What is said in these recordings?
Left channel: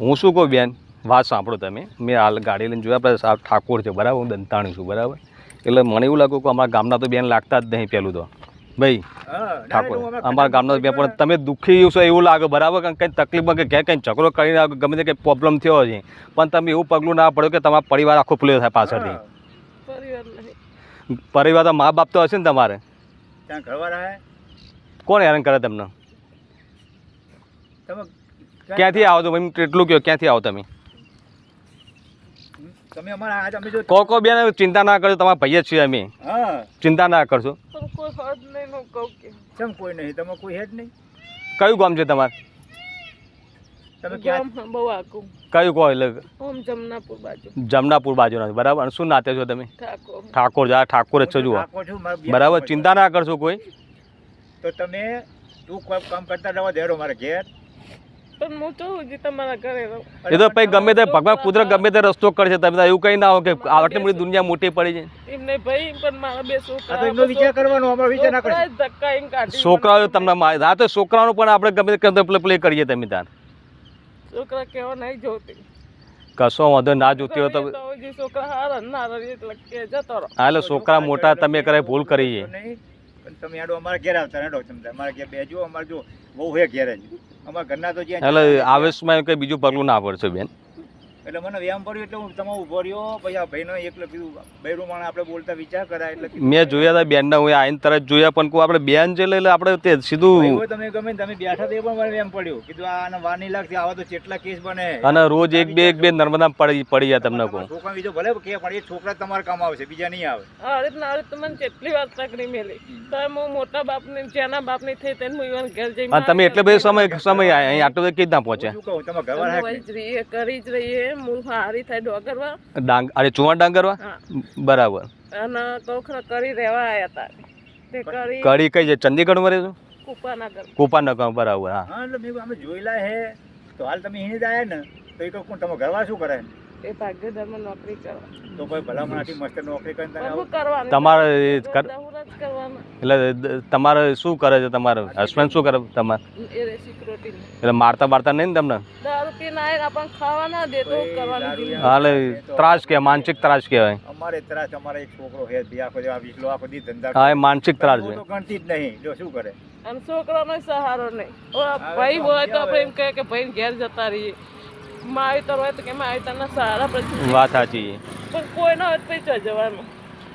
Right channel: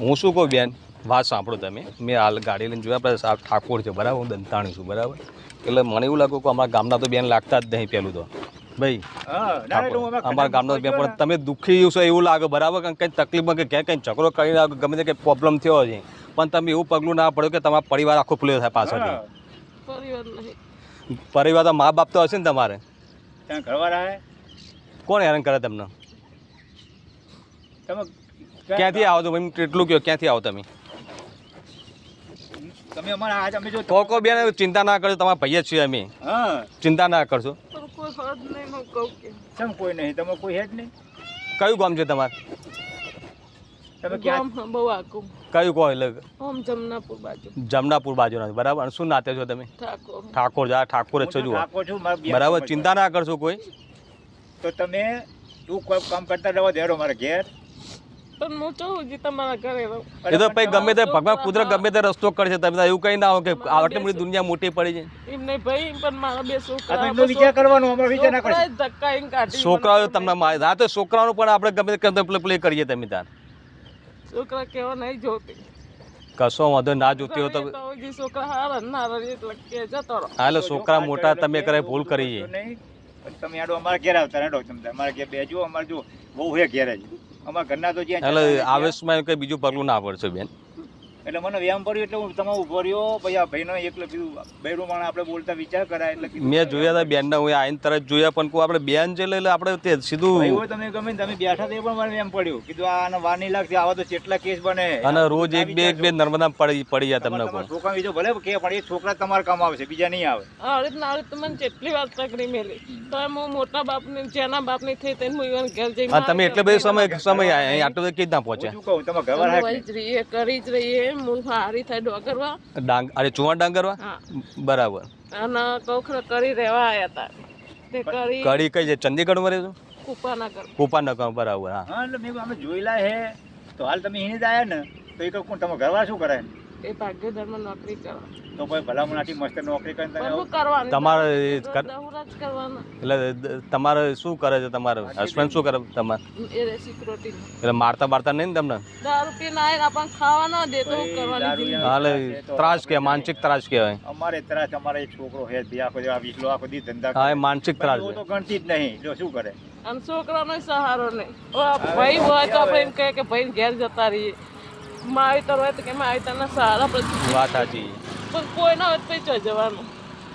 હું શું કહું બેન, વાત સાંભળો તમે. મેં હાલ ગાડી લઈને જોયા, આપણે સાહેબ ઠાકોર છે બરાબર, હું દંતાણી છું બરાબર. એટલે મને એવું લાગ્યું કે અમારા ગામના તો બેન લાગતા જ નહીં. પહેલું તો ભાઈ અમારા ગામના બેન, પણ તમે દુઃખી છો એવું લાગે બરાબર. કંઈ તકલીફમાં કે ઘેર કંઈ ઝઘડો કરીને ગમે તે કંઈ પ્રોબ્લેમ થયો છે, પણ તમે એવું પગલું ના પડ્યો કે તમારા પરિવાર આખો પ્લે થાય પાછળથી. પરિવાર તો મા બાપ તો હશે ને તમારે. કોણ હેરાન કરે તમને? ક્યાંથી આવો તો ભાઈ કેટલું કહો, ક્યાંથી આવો તમે? કોઈ બેન ચિંતા ના કરજો, તમારા ભાઈ જ છીએ અમે. ચિંતા ના કરશો. કોઈ નહીં, તમે કોઈ હેડ નહીં. કયું ગામ છે તમારે? કયું કહો એટલે? જમનાપુર બાજુ નથી બરાબર. અને શું નાતે છો તમે? ઠાકોર. ઠાકોર જ છો જુઓ બરાબર. ચિંતા ના કરશો કોઈ. તો તમે તું કોઈ કામ કરતા રહેવા દેરો મારા ઘેર. પણ હું ચાહું છું તમારા ઘરે રહું. એ તો ભાઈ ગમે તે ભગવાન કુદરત ગમે તે રસ્તો કરશે. તમે એવું કઈ ના હો કે આટલી મોટી દુનિયા મોટી પડી છે. એમ નહીં ભાઈ, પણ મારા બે છોકરા વિચાર કરવાનો, અમારો વિચાર ના કરે. છોકરાઓ તમને આ તો છોકરાનું પણ આપણે ગમે તે પ્લે કરીએ. તમે તાર છોકરા કેવા નહીં જોતી, કશો વાંધો ના જોતી હોય તો છોકરા હારા ના એટલે જતો રહો. હા, એટલે છોકરા મોટા તમે કરે ભૂલ કરી છે. તમે આડો અમારા ઘેર આવતા હેડો. તમે અમારા ઘેર બેજો. અમારે જો બહુ હે ઘેર જ અમારા ઘરના તો જ્યાં એટલે આવેશમાં કઈ બીજું પગલું ના પડશે બેન. એટલે મને વ્યાયામ પડ્યું એટલે હું તમારું ઉભો રહ્યો. પછી આ ભાઈનો એકલો કીધું બૈરું માણે આપણે બોલતા વિચાર કરાય એટલે મેં જોયા હતા બેનના, હું આઈને તરત જોયા, પણ કોઈ આપણે બેન છે એટલે આપણે તે સીધું તમે ગમે તમે બેઠા તો એ પણ મને વ્યાયામ પડ્યું. કીધું આને વાર નહીં લાગતી, આવા તો કેટલા કેસ બને. અને રોજ એક બે નર્મદા પડી જાય તમને કોઈ છોકરા બીજો ભલે કે પણ એ છોકરા તમારે કામ આવશે, બીજા નહીં આવે. મને કેટલી વાર તકરી મેલી તો હું મોટા બાપને જેના બાપની થઈ તેને હું ઘેર જઈ. તમે એટલે બધો સમય અહીં આટલો તો કેવી રીતના પહોંચે? શું કહું, તમે ઘર કરી જ રહીએ. હું હારી થાય ડોગરવા અરે ચુવા ડાંગરવા બરાબર. અને કોખરા કરી રહેવા આવ્યા હતા. તે કરી કઈ છે? ચંદીગઢમાં રહે છો? કુપાનગર બરાબર. હા, એટલે મેં અમે જોયેલા હે. તો હાલ તમે અહીં જ આવ્યા ને, તો એ કોણ તમે ઘરવાળા શું કરે? એ ભાગ્યધરમાં નોકરી કરવા. તો ભાઈ ભલામણ આટલી મસ્ત નોકરી કરીને તમારે એટલે તમારે શું કરે છે? તમારે હસબન્ડ શું કરે તમારે? એટલે મારતા નહીં ને તમને? દારૂ પીને આવીને આપણને ખાવા ના દે તો કરવાની. હાલે ત્રાસ કે માનસિક ત્રાસ કહેવાય. અમારે ત્રાસ, અમારે એક છોકરો હે આખો વિકલો આખો દી ધંધા. હા, એ માનસિક ત્રાસ તો ગણતી જ નહીં. જો શું કરે? અને છોકરાનો સહારો નહીં. ભાઈ હોય તો આપણે એમ કહે કે ભાઈ ઘેર જતા રહીએ. માહિતર હોય તો કે માહિતરના સહારા પછી વાત સાચી. પણ કોઈ ના હોય તો પછી જવાનું.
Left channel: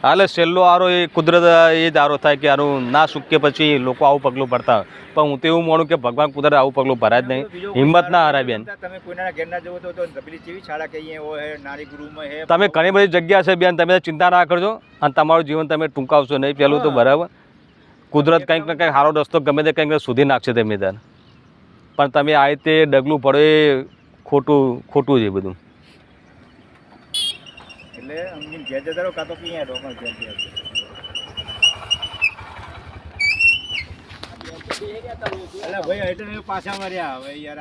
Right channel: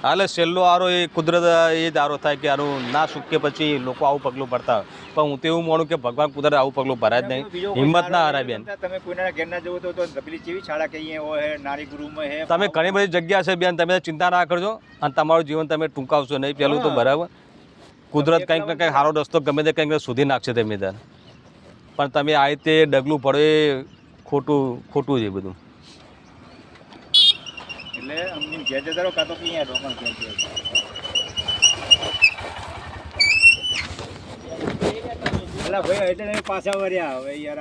હાલે છેલ્લો આરો એ કુદરત એ જ આરો થાય કે આનું ના સુકે પછી લોકો આવું પગલું ભરતા હોય. પણ હું તો એવું માનું કે ભગવાન કુદરત આવું પગલું ભરાય જ નહીં. હિંમત ના હારાય બેન. તમે કોઈના ઘેર ના જવો તો પેલી જેવી શાળા કહીએ હોય નારી ગુરુમાં હે. તમે ઘણી બધી જગ્યા છે બેન, તમે ચિંતા ના કરજો અને તમારું જીવન તમે ટૂંકાવશો નહીં. પેલું તો બરાબર, કુદરત કંઈક ને કંઈક સારો રસ્તો ગમે તે કંઈક સુધી નાખશે તમે તાર. પણ તમે આ રીતે ડગલું પડે એ ખોટું છે બધું. એટલે અમને ઘેર જતા રહો, કાં તો ક્યાં રોકણ ઘેર જતા. એટલે ભાઈ એટલે પાછા વર્યા હવે યાર.